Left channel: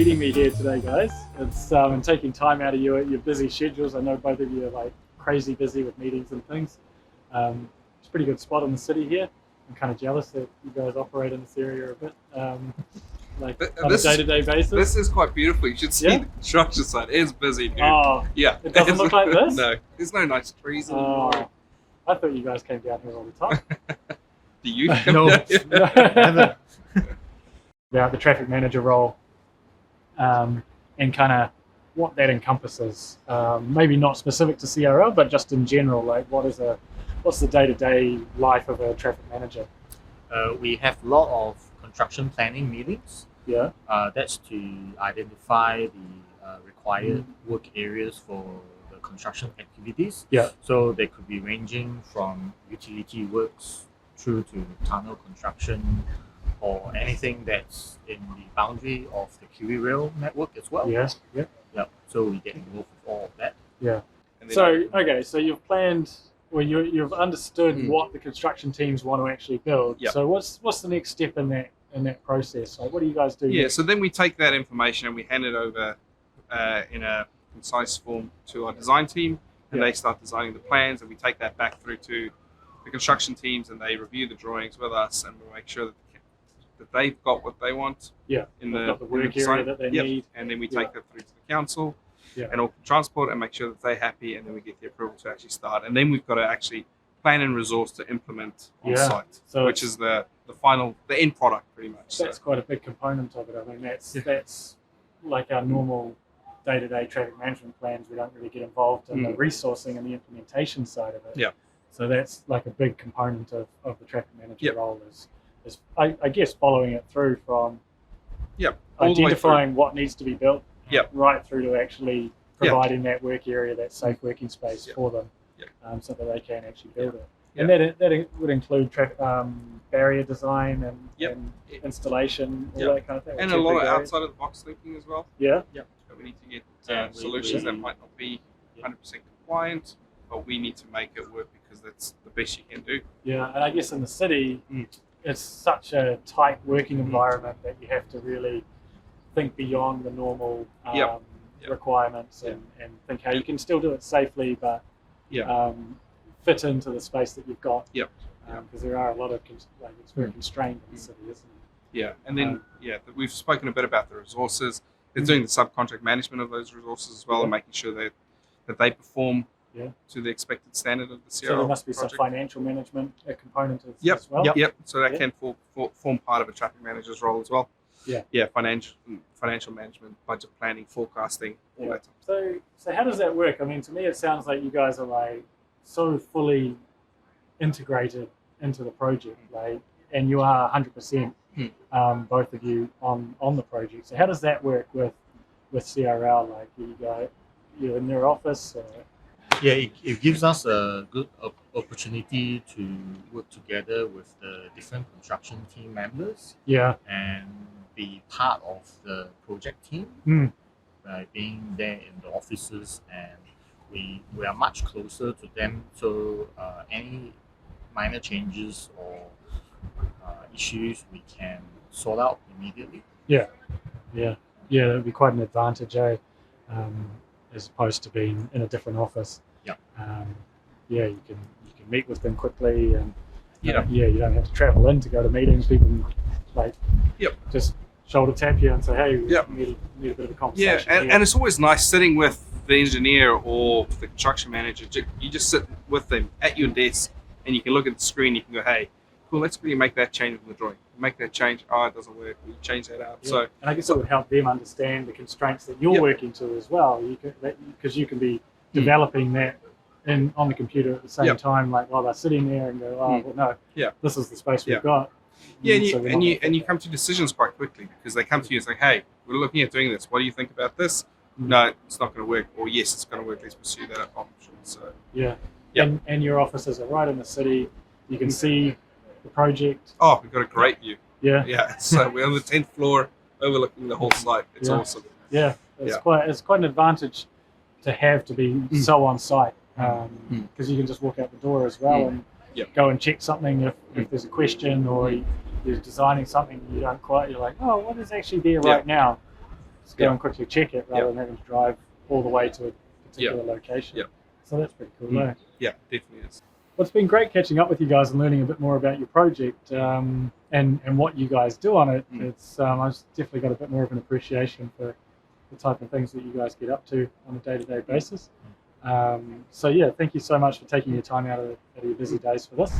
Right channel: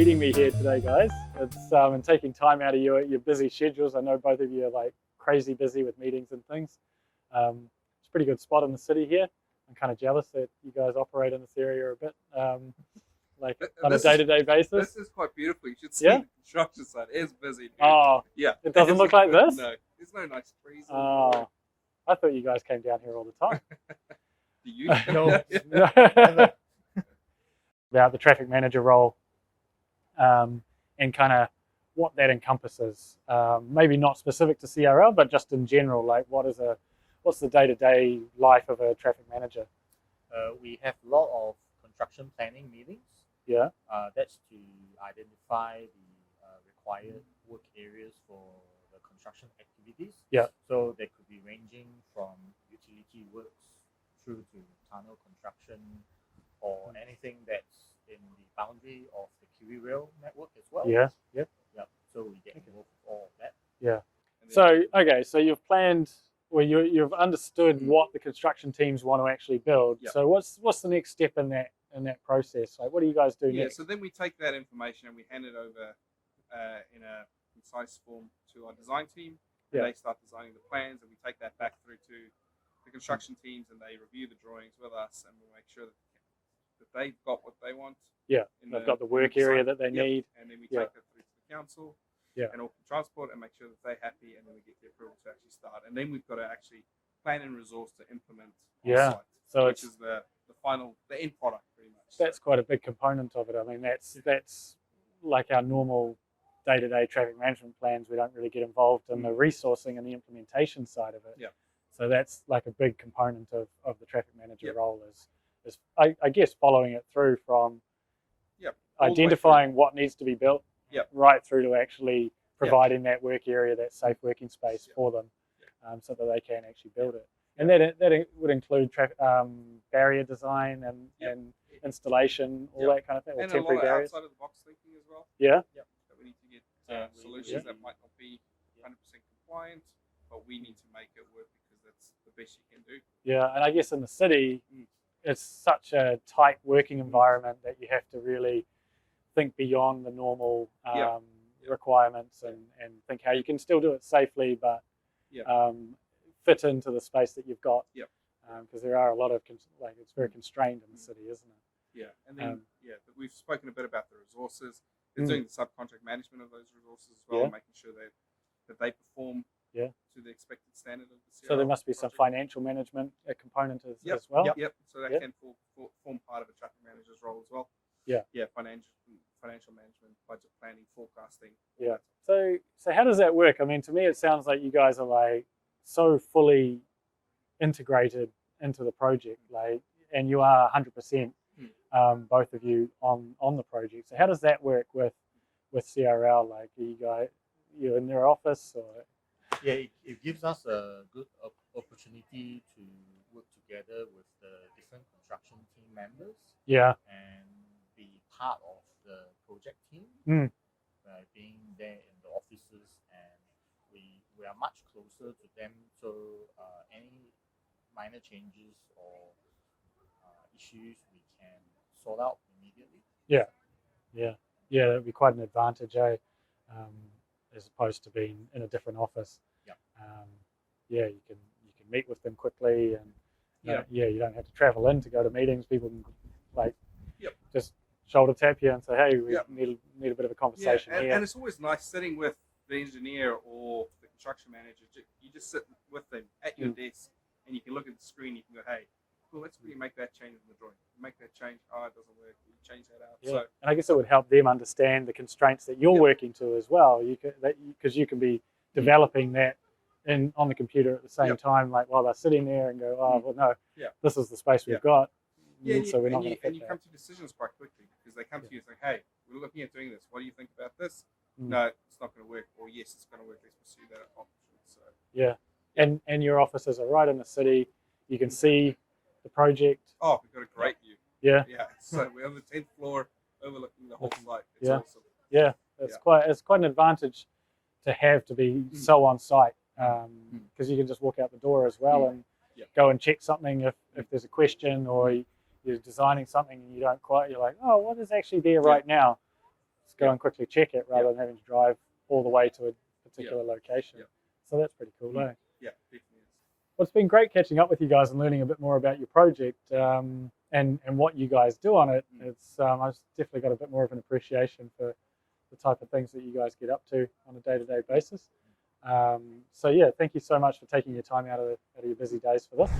meeting me here today, guys. It's and taking time out of your busy schedules. I know both of you are like crazy busy with meetings and things. It's a pretty good spot in the city here. I'm kind of jealous that you guys operate in this area a bit, on a day-to-day basis. This is quite beautiful. You should see the construction site. It is busy, dude. Oh, yeah. It doesn't look like this? No, there's no nice trees Oh, anymore. I thought you guys came down here all the time. Do you? No. Never. About the traffic manager role and kind of what that encompasses. Maybe not specific to CRL, but just in general, like what's the day-to-day life of a traffic manager? We have a lot of construction planning meetings. Yeah. That's to identify the required work areas for the construction activities. Yeah. So they could be ranging from utility works through to tunnel construction or anything that's in the boundary of the Kiwi Rail network as well. Yeah. Yeah. Yeah. So we get involved with all of that. Yeah. And then So you've planned. Well, you've understood what the construction teams want to actually build. Yep. So what's the next step in that process? Like, what do you guys do? Yeah, next? so then we take that information and we hand it over in a concise form to our design team, and they start designing the plans, and we take that back through to the construction teams, and they review the drawings with us, and we make sure that they've got what they want. Yeah. In They've the got the work area that they need. And then we take that through to the council and all transport and make sure that they're happy, and then we get the approval to actually start. And then we've got to actually plan and resource to implement on site, So which is the final, the end product pretty much. That's quite a big component of it. I mean, that's like our normal day-to-day traffic management plans. We don't really get involved in the resourcing and the implementation side of it. Yeah. So that's like a big component of the traffic manager role is I guess following it through from identifying what needs to be built right through to actually providing that work area, that safe working space for them so that they can actually build it. And that would include barrier design and installation, all that kind of thing. And a lot of outside of the box thinking as well. Yeah. But we need to get solutions that might not be 100% compliant, but we need to make it work because that's the best you can do. Yeah, and I guess in the city, it's such a tight working environment that you have to really think beyond the normal requirements and think how you can still do it safely, but fit into the space that you've got. Because there are a lot of it's very constrained in the city, isn't it? Yeah, and then we've spoken a bit about the resources. They're doing the subcontract management of those resources as well, and making sure that they perform to the expected standard of the CRL. So there must be project. some financial management component as well. Yep. So that can form part of a traffic manager's role as well. Yeah. Financial management, budget planning, forecasting, all that. So how does that work? I mean, to me, it sounds like you guys are like so fully integrated into the project, and you are 100%, both of you on the project. So how does that work with CRL? Like, you're in their office? Or? Yeah, it gives us a good opportunity to work together with the different construction team members. Yeah. And be part of the project team, being there in the offices, and we are much closer to them. So any minor changes or issues we can sort out immediately. Yeah, it'd be quite an advantage, as opposed to being in a different office. You can meet with them quickly, and you don't have to travel in to go to meetings. People can just shoulder tap you and say, hey, we need a bit of a conversation. And it's always nice sitting with the engineer or the construction manager. You just sit with them at your desk, and you can look at the screen. You can go, hey, cool, let's really make that change in the drawing. Make that change. Oh, it doesn't work. We change that out. So, and I guess it would help them understand the constraints that you're working to as well. Because you can be developing that on the computer at the same time, like while they're sitting there and go, well, no, this is the space we've got. Yeah, and you come to decisions quite quickly because they come to you and say, hey, we're looking at doing this. What do you think about this? No, it's not going to work. Or yes, it's going to work. Let's pursue that option. So And your offices are right in the city. You can see the project. Oh, we've got a great view. Yeah. So we're on the 10th floor, overlooking the whole site. It's awesome. Yeah, it's quite an advantage to be so on site because you can just walk out the door as well and go and check something if there's a question or you're designing something you don't quite. You're like, oh, what is actually there right now? just go and quickly check it rather than having to drive all the way to a particular location. So that's pretty cool. Yeah, definitely is. Well, it's been great catching up with you guys and learning a bit more about your project and what you guys do on it. It's I've definitely got a bit more of an appreciation for the type of things that you guys get up to on a day-to-day basis. So yeah, thank you so much for taking your time out of your busy days for this.